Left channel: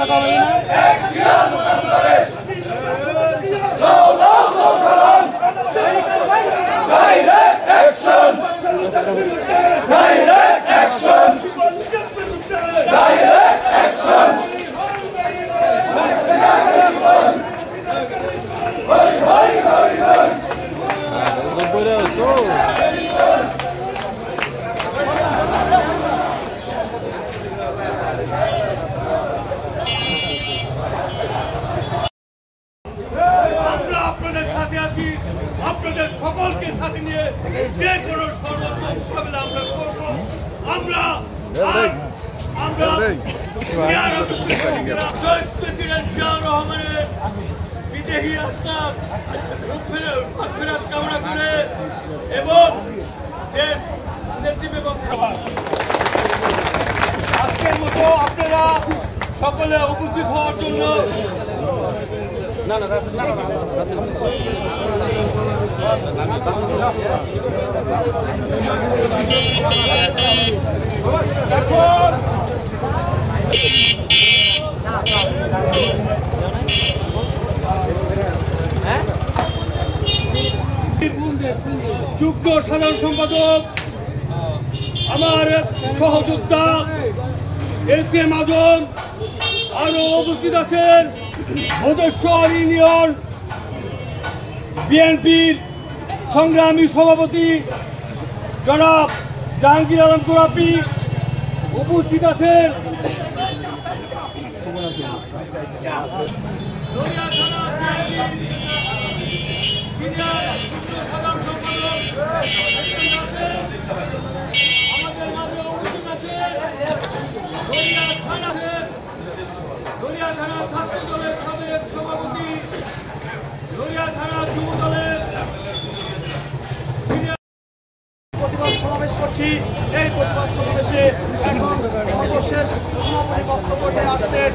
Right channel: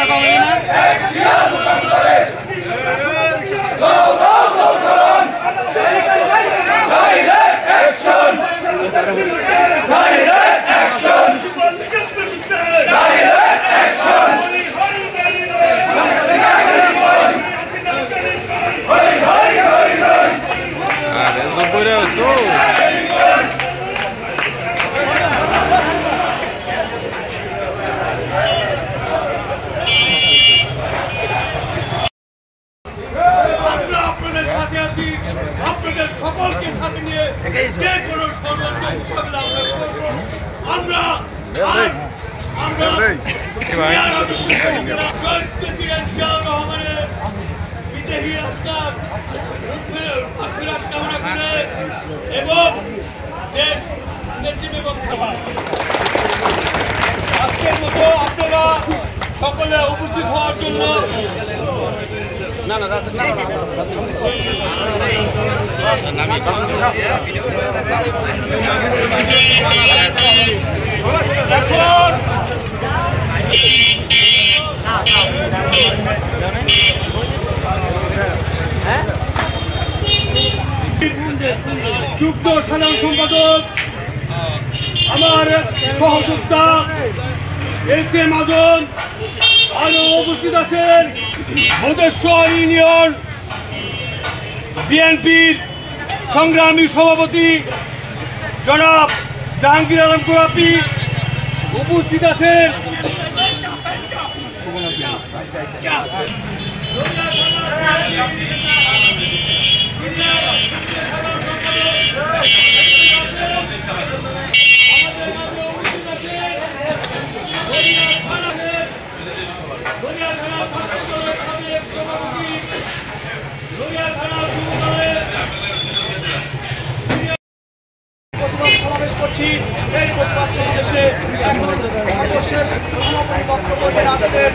থাকা হবে না। আপনাদের সকলকে সাথে নিয়ে যে কোনো ষড়যন্ত্র মোকাবিলা আমরা করবো। আমরা প্রেসিডেন্ট জিয়াউর রহমানের বিদেহী আত্মার ফেরত কামনা করে এবং দেশ নেতৃত্ব এবং আজকের মতো আপনারা সকলে উপস্থিত হওয়ার জন্য যুগ্ম সাধারণ সম্পাদক আমার সহযোদ্ধা এসএ মাজন, আরো উপস্থিত আছেন মধেশ্বর ইউনিয়ন বিএনপির সংগ্রামী সভাপতি জনাব জাহাঙ্গীর আলম গোলাপি, উপস্থিত আছেন প্রতিবাদ সমাবেশ করছি। এই প্রতিবাদ সমাবেশে এখন সর্বশেষ সমাপনী বক্তব্য নিয়ে আসছেন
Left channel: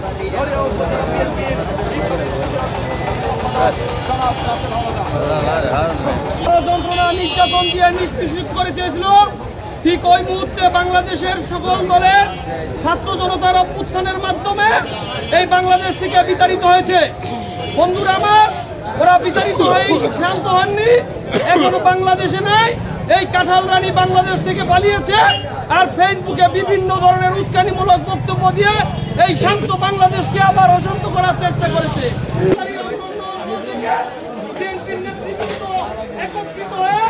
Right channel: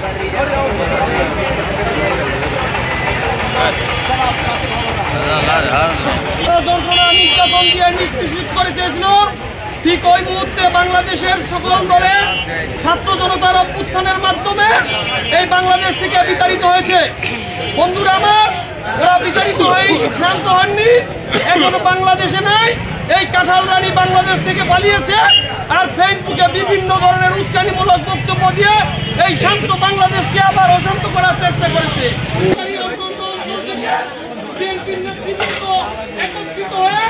যন্ত্রণা নির্যাতন দিয়ে নিষ্পেষিত করে চেয়েছিল, ঠিক ওই মুহূর্তে বাংলাদেশের সকল দলের ছাত্র জনতার অভ্যুত্থানের মাধ্যমে এই বাংলাদেশ থেকে বিতাড়িত হয়েছে। বন্ধুরা আমার, ওরা বিতাড়িত হয়ে ক্ষান্ত হননি, এখনো বাংলাদেশে নাই। এই কাঁঠাল রানী বাংলাদেশ থেকে পালিয়েছে আর ফেসবুকে বিভিন্ন ধরনের উস্কানিমূলক বক্তব্য দিয়ে এই শান্ত বাংলাদেশকে আবার অশান্ত করার চেষ্টা করেছে। একত্রিত হয়ে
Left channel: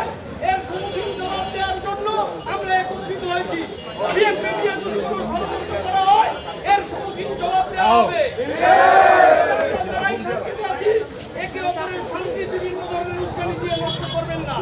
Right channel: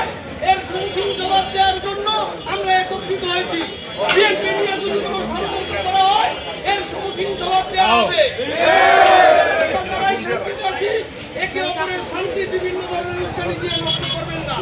এর সম্মুখীন জবাব দেওয়ার জন্য আমরা একত্রিত হয়েছি। বিএনপি নিয়ে যদি কোনো ষড়যন্ত্র করা হয় এর সম্মুখীন জবাব দেওয়া হবে। একে অপরের শান্তি বিভিন্ন ধরনের উস্কানি দিয়ে নষ্ট করবেন না।